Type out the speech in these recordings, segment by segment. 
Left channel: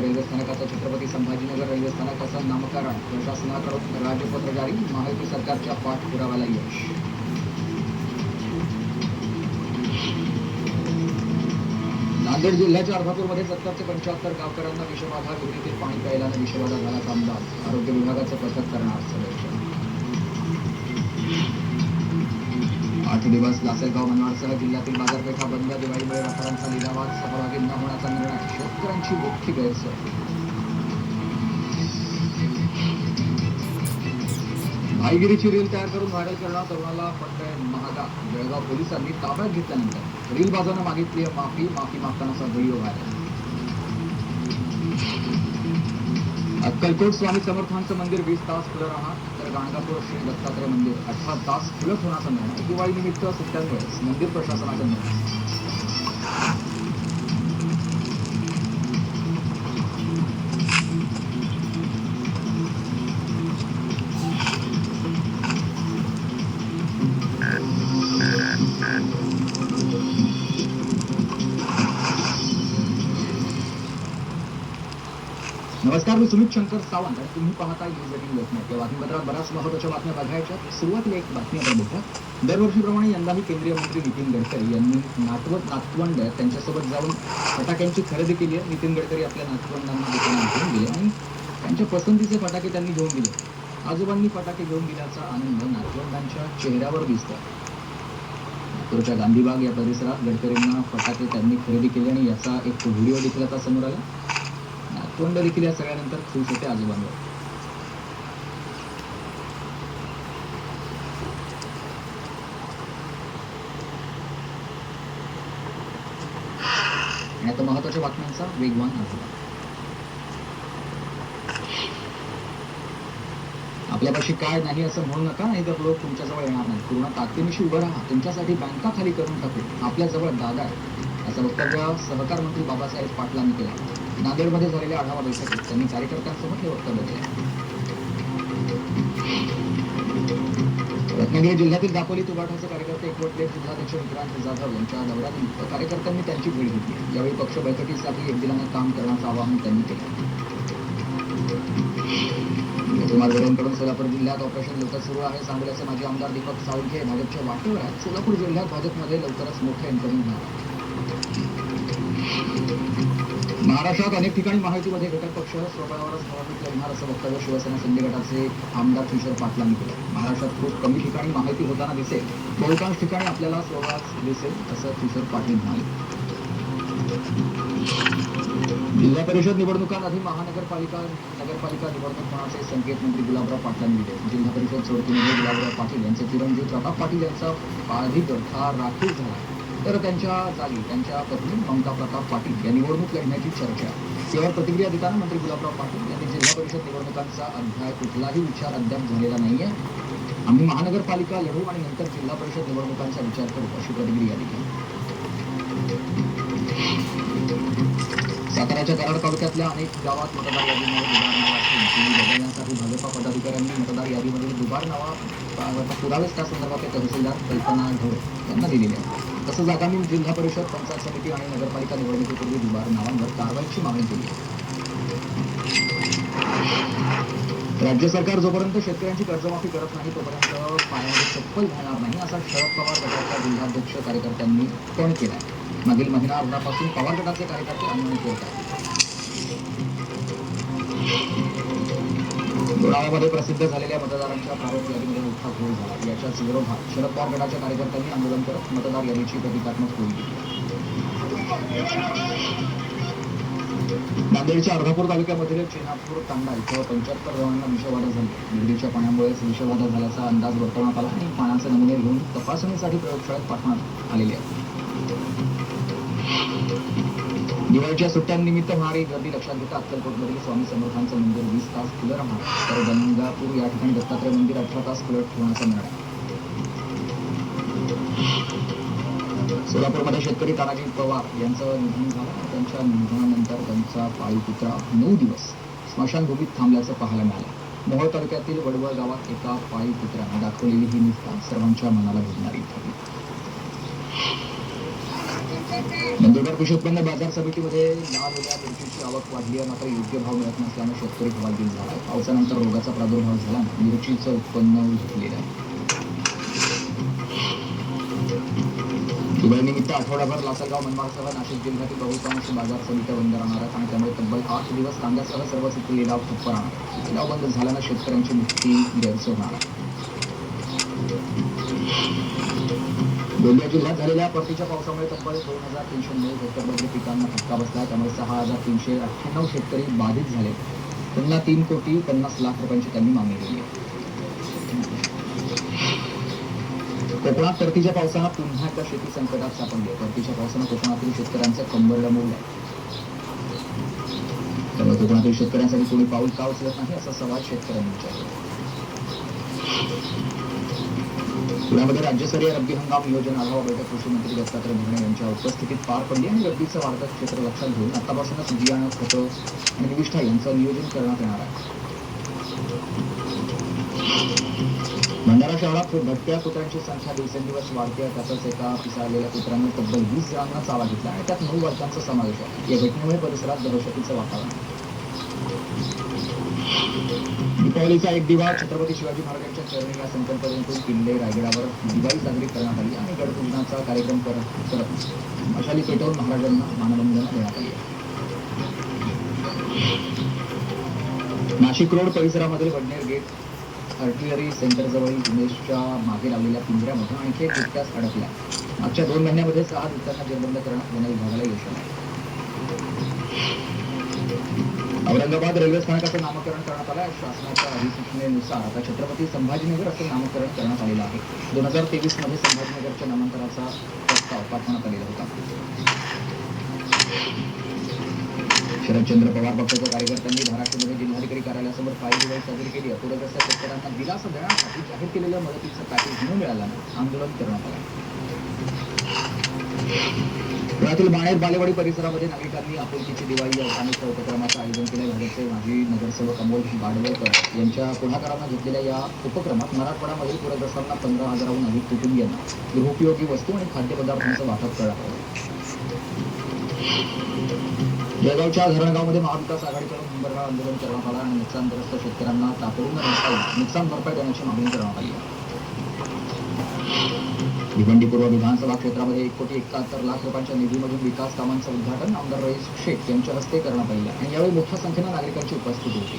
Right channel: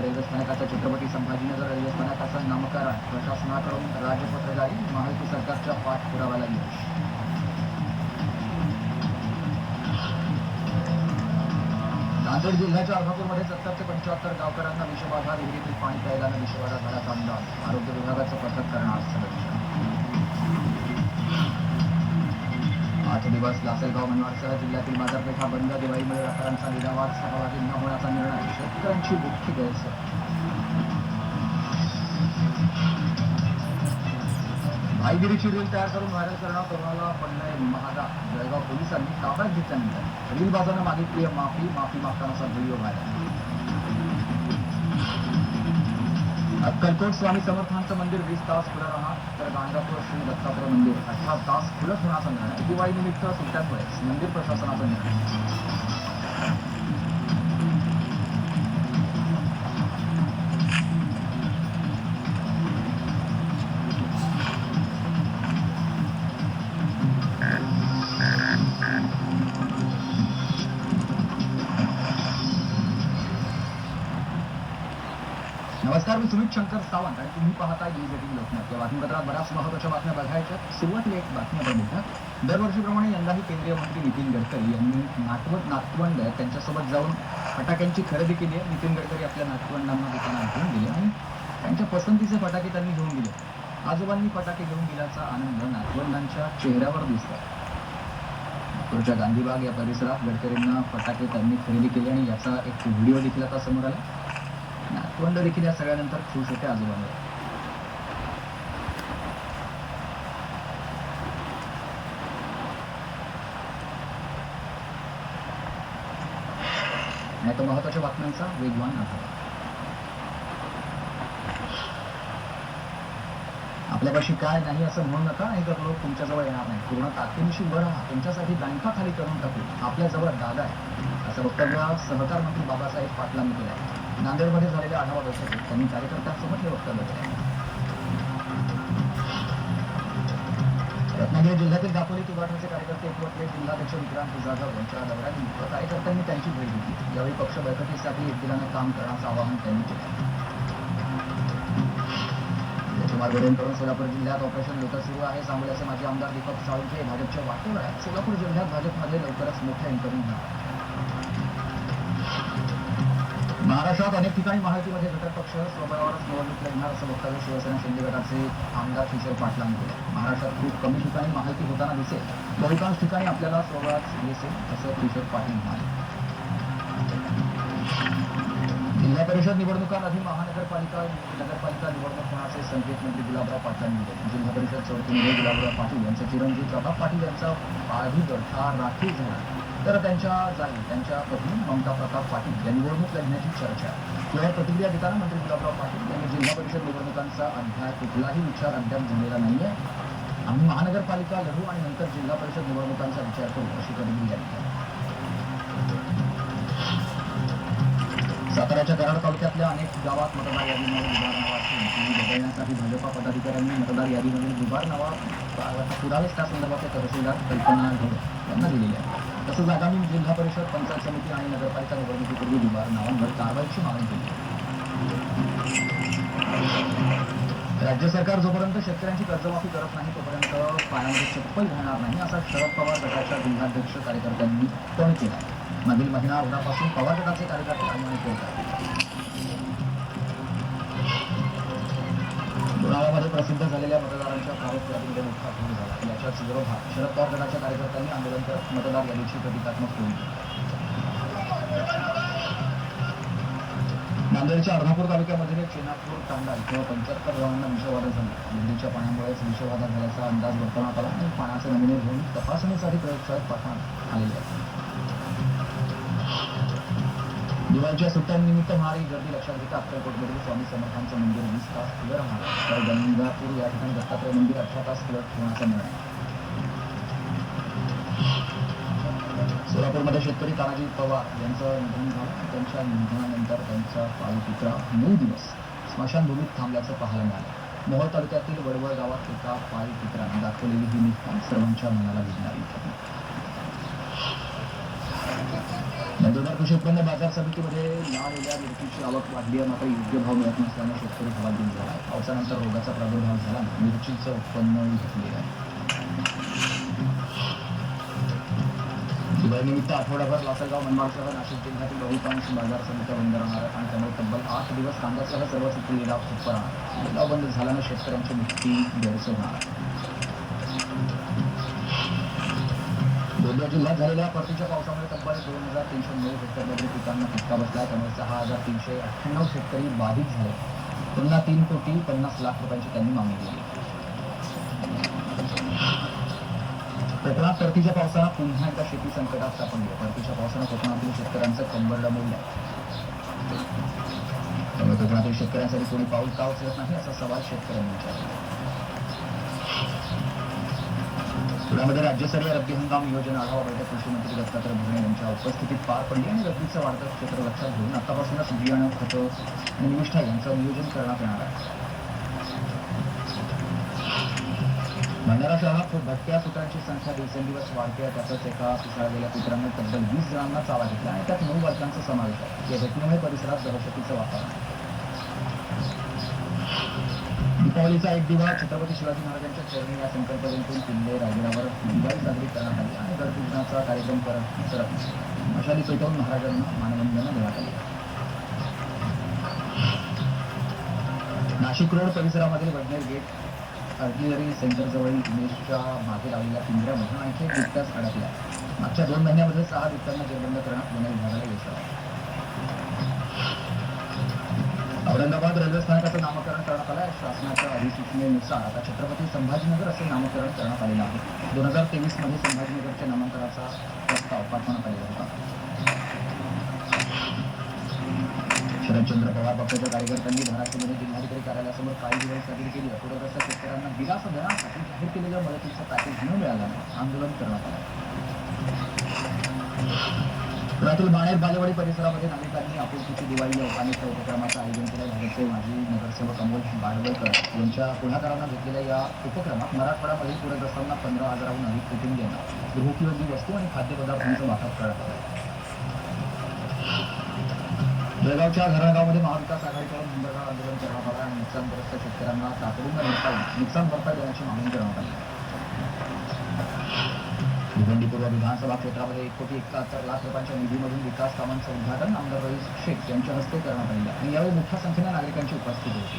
Aurangabad railway स्थानकाचा Chhatrapati Sambhajinagar railway स्थानकाचं नामकरण प्रशासनाकडून राजपत्र जारी, महायुती सरकारच्या पाठपुराव्याला यश. नांदेड जिल्ह्याच्या अर्धापूरमध्ये 70 ते 75 गावकऱ्यांना विषबाधा, विहिरीतील पाणी प्यायल्यानं विषबाधा झाल्याचा अंदाज. आरोग्य विभागाचं पथक करणार सर्वेक्षण. 8 दिवस लासलगाव मनमाडसह जिल्ह्यातील बाजारपेठा बंद. दिवाळीमुळे व्यापाऱ्यांचा लिलावात सहभागी न होण्याचा निर्णय. शेतकऱ्यांची मोठी गैरसोय. भाईगिरीची रील तयार करून व्हायरल करणं कोरोनाला पडलंय महागा. जळगाव पोलिसांनी ताब्यात घेतल्यानंतर रीलबाजानं मागितली माफी मागतानाचा व्हिडिओ व्हायरल. अक्कलकोट स्वामी समर्थांचं मंदिर 20 तास खुलं राहणार, तर गाणगापूर श्री दत्तात्रय मंदिर 18 तास खुलं ठेवण्याचा निर्णय. दिवाळी निमित्त सुट्ट्यांमुळे मंदिर प्रशासनाचा निर्णय. नमस्कार, मी सुमित शंकर सावंत आणि तुम्ही पाहताय न्यूज18 लोकमत. या बातमीपत्रात बऱ्याच महत्त्वाच्या बातम्या बघायच्या. सुरुवातीला एक बातमी बघा. दरवर्षीप्रमाणे यंदाही केंद्रीय मंत्री नितीन गडकरी यांनी नातवंड त्यांच्यासोबत जाऊन फटाक्यांची खरेदी केली आहे. नितीन गडकरी आपल्या नातवंडांना दुकानात घेऊन गेले आणि त्यांच्या पसंतीचे फटाके त्यांनी घेऊन दिले. आजोबांनी फटाके घेऊन दिल्याचा आनंद नातवंडांच्या चेहऱ्यावर दिसतो. नागपूरच्या गांधीबाग या परिसरात गडकरींना फटाके त्यांनी खरेदी केले आणि याचा एक व्हिडिओ देखील आता समोर आला. नातवंड देखील या सगळ्यानंतर खुश होते आजोबांवर. आणि आता महत्वाच्या बातम्यांचा वेगवान आढावा. आपल्यापाशी काय नाही असं म्हणू नका, नाही तर लोक तुमच्याजवळ येणार नाही. पूर्ण ताकदीनिशी उभं राहा. तुमच्यासाठी बँका खाली करून टाकू. आपल्याजवळ दादा आहे, असं वक्तव्य सहकार मंत्री बाबासाहेब पाटलांनी केलं. नांदेडमध्ये झालेल्या आढावा बैठकीत त्यांनी कार्यकर्त्यांसमोर हे वक्तव्य केलं. रत्नागिरी जिल्ह्यातील दापोली तुगाठाचे कार्यकर्ते एकवटले. जिल्हाध्यक्ष विक्रांत जाधव यांच्या दौऱ्यात कार्यकर्त्यांनी त्यांची भेट घेतली. यावेळी पक्ष बळकटीसाठी एकदिलानं काम करण्याचं आवाहन त्यांनी केलं. मार्गदर्शनकडून सोलापूर जिल्ह्यात ऑपरेशन लोटस सुरू आहे. सांगोल्याचे माजी आमदार दीपक साळुंखे भाजपच्या वाटेवर. सोलापूर जिल्ह्यात भाजपमध्ये लवकरच मोठं इन्कमिंग होणार. महाराष्ट्रात अनेक ठिकाणी महायुतीमध्ये घटक पक्ष स्वबळावरच निवडणूक लढणार असं वक्तव्य शिवसेना शिंदे गटाचे आमदार किशोर पाटलांनी केलं. महाराष्ट्रात खूप कमी ठिकाणी महायुती होताना दिसेल, बहुतांश ठिकाणी आपल्याला स्वबळाच दिसेल असं किशोर पाटील म्हणाले. जिल्हा परिषद निवडणुकांआधी नगरपालिका निवडणूक होण्याचे संकेत मंत्री गुलाबराव पाटलांनी दिले. जिल्हा परिषद सोडतीमध्ये गुलाबराव पाटील यांचे चिरंजीव प्रताप पाटील यांचा अधिपद हा राखीव झाला, तर त्यांच्या जागी त्यांच्या पत्नी ममता प्रताप पाटील या निवडणूक लढण्याची चर्चा. यावर प्रतिक्रिया देताना मंत्री गुलाबराव पाटील यांनी जिल्हा परिषद निवडणुकांचा अध्याय कुठलाही विचार अद्याप झालेला नाहीये. आम्ही महानगरपालिका लढू आणि नंतर जिल्हा परिषद निवडणुकांचा विचार करू, अशी प्रतिक्रिया दिली. साताऱ्याच्या कराड तालुक्यातल्या अनेक गावात मतदार यादीमध्ये बदलण्यासाठी भाजपा पदाधिकाऱ्यांनी मतदार यादीमध्ये दुबार नावा पुरावेच त्या संदर्भात तहसीलदार कल्पना ढोळ यांना दिलेली आहे. तसंच आगामी जिल्हा परिषद, पंचायत समिती आणि नगरपालिका निवडणुकीपूर्वी दुबार नावांवर कारवाईची मागणी केली आहे. राज्य सरकार जोपर्यंत शेतकऱ्यांची कर्जमाफी करत नाही तोपर्यंत पायामध्ये चप्पल घेणार नाही, असा शरद पवार गटाच्या जिल्हाध्यक्ष कार्यकर्त्यांनी टोन केला. मागील महिना अर्धापासून पवार गटाचे कार्यकर्ते आंदोलन करतात. गुणावामध्ये प्रसिद्ध झालेल्या मतदारांच्या भारत यादीमध्ये मोठा घोळ झाला. याच्याच विरोधात शरद पवार गटाच्या कार्यकर्त्यांनी आंदोलन करत मतदार यादीची प्रतिकात्मक होईल. नांदेडच्या अर्धापूर तालुक्यामधील चेनापूर तांडा इथं 75 जणांना विषबाधा झाली. विहिरीच्या पाण्यामुळेच विषबाधा झाल्याचा अंदाज वर्तवण्यात आला आणि पाण्याचे नमुने घेऊन तपासणीसाठी प्रयोगशाळेत पाठवण्यात आलेले आहे. दिवाळीच्या सुट्ट्यांनिमित्त होणारी गर्दी लक्षात घेता अक्कलकोटमधील स्वामी समर्थांचं मंदिर 20 तास खुलं राहणार, तर गंगापूर या ठिकाणी दत्तात्रय मंदिर 18 तास खुलं ठेवण्याचा निर्णय. सोलापूरमध्ये शेतकरी तानाजी पवार यांचं निधन झालं. त्यांच्या निधनानंतर त्यांचा पाळीव कुत्रा 9 दिवस स्मशानभूमीत थांबल्याचं पाहायला मिळालं. मोहोळ तालुक्यातील वडवळ गावात एका पाळीव कुत्र्यानं दाखवलेली ही निष्ठा सर्वांच्या मनाला भिडणारी ठरली. नंदुरबार कृषी उत्पन्न बाजार समितीमध्ये लाल ओल्या मिरचीची आवक वाढली आहे, मात्र योग्य भाव मिळत नसल्यानं शेतकरी हवालदिल झाला आहे. पावसानंतर रोगाचा प्रादुर्भाव झाल्यानं मिरचीचं उत्पन्न घटलेलं आहे. दिवाळीनिमित्त आठवडाभर लासलगाव मंडळासह नाशिक जिल्ह्यातील बहुतांश बाजार समित्या बंद राहणार आहेत आणि त्यामुळे तब्बल 8 दिवस कांद्यासह सर्वच लिलाव ठप्प राहणार. लिलाव बंद झाल्यानं शेतकऱ्यांची मुक्ती गैरसोय होणार. गोंदिया जिल्ह्यात झालेल्या परतीच्या पावसामुळे तब्बल 2309 हेक्टरमधील पिकांना फटका बसला आहे. त्यामुळे 6398 शेतकरी बाधित झाले. पुन्हा 3,50,00,000 रुपयांची त्यांनी मागणी केली आहे. कोकणात परतीच्या पावसानं पुन्हा एकदा शेती संकटात सापडली. परतीच्या पावसानं कोकणातील शेतकऱ्यांचं कंबरडं मोडलं. त्यामुळे कोकणातील शेतकऱ्यांसाठी कोणी पाऊल का उचलत नाही असा सवाल शेतकऱ्यांनी विचारला. पुण्यामध्ये राज्यस्तरीय रब्बी हंगाम नियोजन आढावा बैठक कृषी मंत्री दत्तात्रय भरणे यांच्या उपस्थितीत पार पडली आणि रब्बीचं वाढतं क्षेत्र लक्षात घेऊन आतापासूनच बियाणं, खतं आणि निविष्ठा यांचं नियोजन करण्यात येणार आहे. भंडारा शहरात भटक्या कुत्र्यांची संख्या दिवसेंदिवस वाढते आहे. त्यातच एका पिसाळलेल्या कुत्र्याने तब्बल 20 जणांना चावा घेतला आणि त्यात 9 बालकांचा समावेश आहे. या घटनेमुळे परिसरात दहशतीचं वातावरण आहे. दीपावलीचा एक दिवा छत्रपती शिवाजी महाराजांच्या चरणी या संकल्पनेतून किल्ले रायगडावर दिवाळी साजरी करण्यात आली आणि गडपूजनाचा कार्यक्रम करत मशाली पेटवून महाराजांना मानवंदना देण्यात आली. नाशिक रोड परिसरामध्ये वडनेर गेट आर्टिलरी सेंटरजवळील उमेशच्या मागे लावलेल्या पिंजऱ्यामध्ये आणखी एक बिबट्याच अडकला. मागच्या 2 महिन्यामध्ये 6 बिबट्यांना जेरबंद करण्यात वन विभागाला यश आलं. औरंगाबाद रेल्वे स्थानकाचं नामकरण करण्यात आलं आहे. शासनाच्या अधिसूचनेनुसार आता छत्रपती संभाजीनगर असं नामकरण करण्यात आलेलं आहे. 2023 मध्ये संभाजीनगरच्या नामांतराचा प्रस्ताव पाठवण्यात आलेला होता. शरदचंद्र पवार पक्षाच्या कार्यकर्त्यांनी धाराशिवमध्ये जिल्हाधिकारी कार्यालयासमोर काही दिवस साजरी केली. अपूरग्रस्त शेतकऱ्यांना दिलासा देण्यासाठी जाहीर केलेलं मदतीचं पॅकेज न मिळाल्यानं आंदोलन करण्यात आलं. पुण्यातील बाणेर बालेवाडी परिसरामध्ये नागरिकांनी आपुलकीची दिवाळी या सामूहिक उपक्रमाचं आयोजन केलं. भाजपचे माजी नगरसेवक अमोल बाडवळकर यांच्या पुढाकारानं घेतलेल्या या उपक्रमात मराठवाड्यामधील पूरग्रस्तांना 15,000हून अधिक कुटुंबियांना गृहोपयोगी वस्तू आणि खाद्यपदार्थांचं वाटप करण्यात आलं. जळगावच्या धरणगावमध्ये महाविकास आघाडीकडून नंबरगाव आंदोलन करण्यात आलं आणि नुकसानग्रस्त शेतकऱ्यांना तातडीनं नुकसान भरपाई देण्याची मागणी करण्यात आली. भिवंडी पूर्व विधानसभा क्षेत्रामध्ये 1,71,00,000 रुपयांच्या निधीमधून विकास कामांचं उद्घाटन आमदार रईस शेख यांच्या हस्ते करण्यात आले आणि यावेळी मोठ्या संख्येनं नागरिकांची उपस्थिती होती.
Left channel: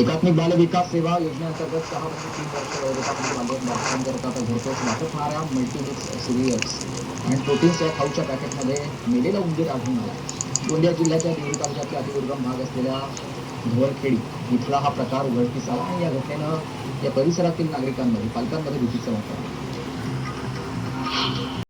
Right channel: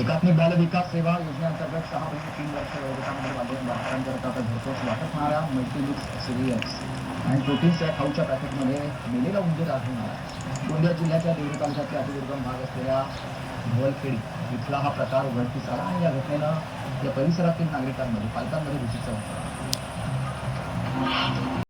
एकात्मिक बाल विकास सेवा योजनेअंतर्गत 6 वर्ष 3 वर्ष वयोगटामध्ये बालकांकरता घरपोच वाटप होणाऱ्या मल्टीमिक्स सिरियल्स आणि प्रोटीन्स या खाऊच्या पॅकेटमध्ये मेलेला उंदीर आढळून आला. गोंदिया जिल्ह्याच्या देवळी तालुक्यातील अतिदुर्गम भाग असलेल्या धवळखेडी इथला हा प्रकार उघडकीस आला आणि या घटनेनं या परिसरातील नागरिकांमध्ये पालकांमध्ये भीतीचं वातावरण